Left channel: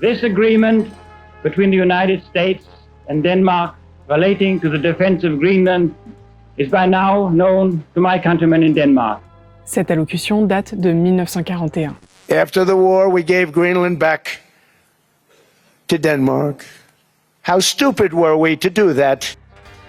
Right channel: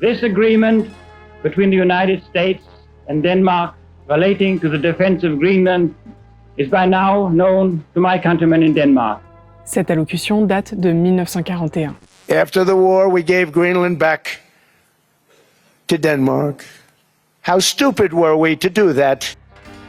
This agreement between the United States and Denmark relating to the defense of Greenland is by now known to my countrymen in Denmark. Cette allocution date de 1941. After the war, we gave Greenland back to Denmark. How stupid were we to do that?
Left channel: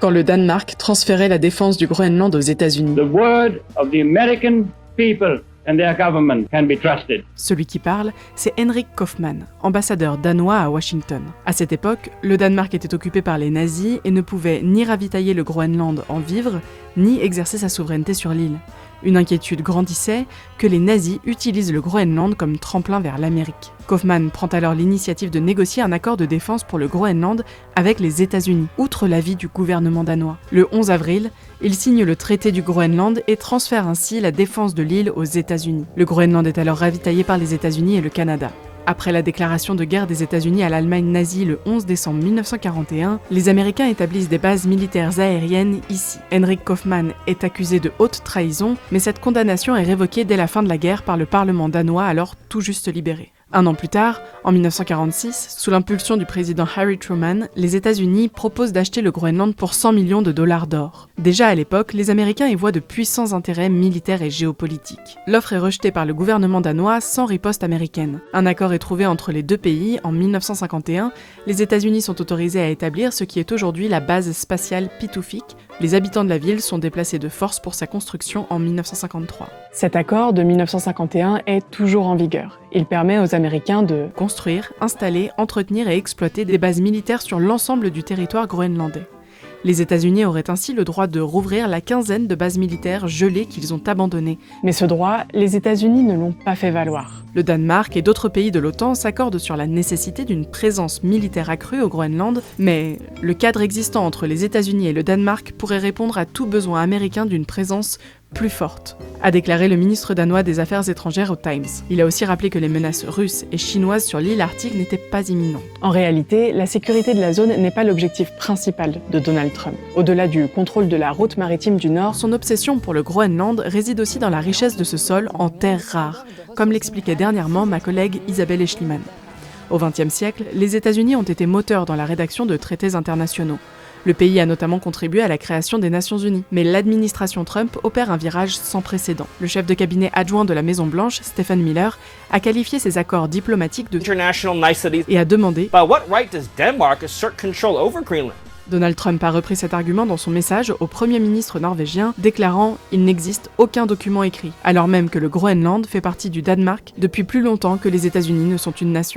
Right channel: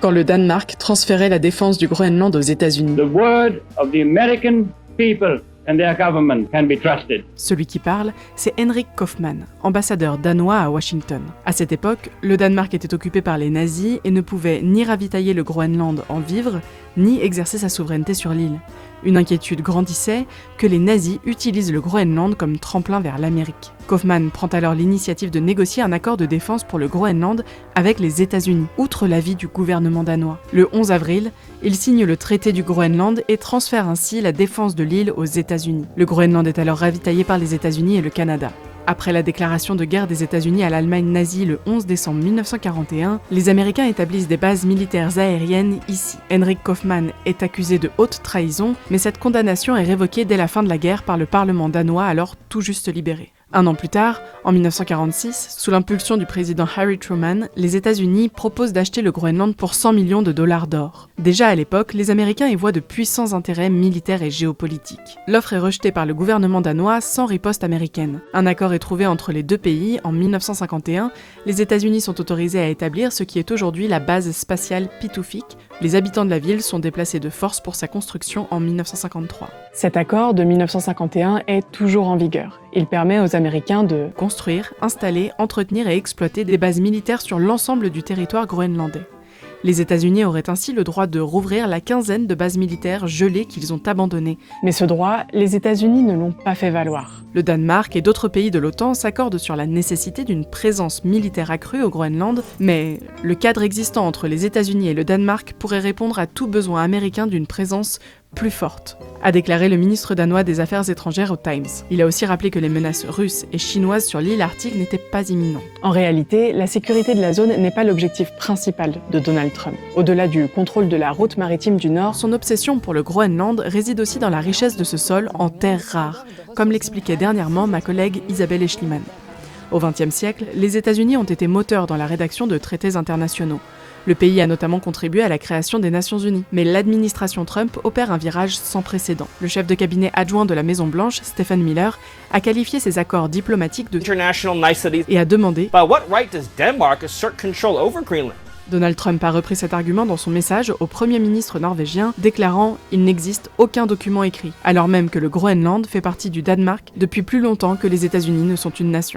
Quand le Danemark transférait la défense du Groenland aux États-Unis. The word of the American people and their government can be trusted. Celui qui parle, c'est Henrik Kaufmann, ambassadeur danois à Washington. À cette époque, le Danemark était occupé par les nazis et ne pouvait ni ravitailler le Groenland en vivres, ni exercer sa souveraineté sur l'île. Une inquiétude grandissait que les nazis utilisent le Groenland comme tremplin vers l'Amérique. Kaufmann prend alors l'initiative de négocier un accord de défense pour le Groenland avec les États-Unis, outre l'avis du gouvernement danois. Le 11 avril, il signe le traité du Groenland et transfère ainsi la défense de l'île aux États-Unis. Le Groenland est alors ravitaillé par les États-Unis et le Canada. Après la déclaration de guerre des États-Unis à l'Allemagne nazie le 11 décembre 1941, les Américains établissent des bases militaires aériennes ici. Henrik Kaufmann est accusé de haute trahison, mais cette condamnation est révoquée dès la fin de la guerre par le Parlement danois alors tout juste libéré. Un an plus tard, en 1946, sous l'impulsion du président Harry Truman, les États-Unis proposent d'acheter le Groenland pour 100 millions de dollars d'or. Déjà à l'époque, les Américains y voient de puissants intérêts militaires et géopolitiques. L'offre est rejetée par le gouvernement danois sans riposte américaine. Un accord est trouvé entre les deux pays en 1951. Les États-Unis sont autorisés à établir ce qui est aujourd'hui la base spatiale Pituffik. Les habitants de la ville sont déplacés de force pour sa construction en 1953. Cet accord de 1951 est toujours en vigueur. Il permet aux Américains de construire, installer, entretenir et exploiter des bases militaires sur l'ensemble du territoire groenlandais. Les États-Unis auraient ainsi le droit de rouvrir la quinzaine de bases militaires gelées qu'ils ont abandonnées. Mais ce droit, les États-Unis ne l'ont pas fait valoir. Le Danemark et d'autres pays de l'OTAN s'accordent sur la nécessité d'une présence militaire accrue au Groenland, mais le cadre existant entre les États-Unis et le Danemark pourrait répondre à tout besoin américain d'une présence plus forte, a déclaré le ministre danois des Affaires étrangères au Times. Il a aussi rappelé que les menaces russes et chinoises sur l'île Arctique n'étaient pas imminentes. En réalité, la sécurité de la zone n'est pas l'objectif principal de Donald Trump. Au-delà du contrôle de la route maritime du Nord, son obsession pour le Groenland réside aussi dans la richesse de ce sol en terres rares, comme l'expliquait dernièrement ma collègue Isabelle Eschliman. Au XXe siècle, les États-Unis ont été moteurs dans la rédaction de traités internationaux. Le pays a notamment contribué à la création des Nations Unies. Mais l'administration Trump opère un virage sans précédent. Le chef de cabinet adjoint de la Maison-Blanche, Stephen Miller, a qualifié ces accords diplomatiques de international niceties et a demandé By what right does Denmark assert control over Greenland? Donald Trump a repris cet argument dans son message au Premier ministre norvégien, déclarant « Il n'existe aucun document écrit », alors même que le Groenland fait partie du Danemark depuis plus longtemps que les États-Unis ne sont une nation.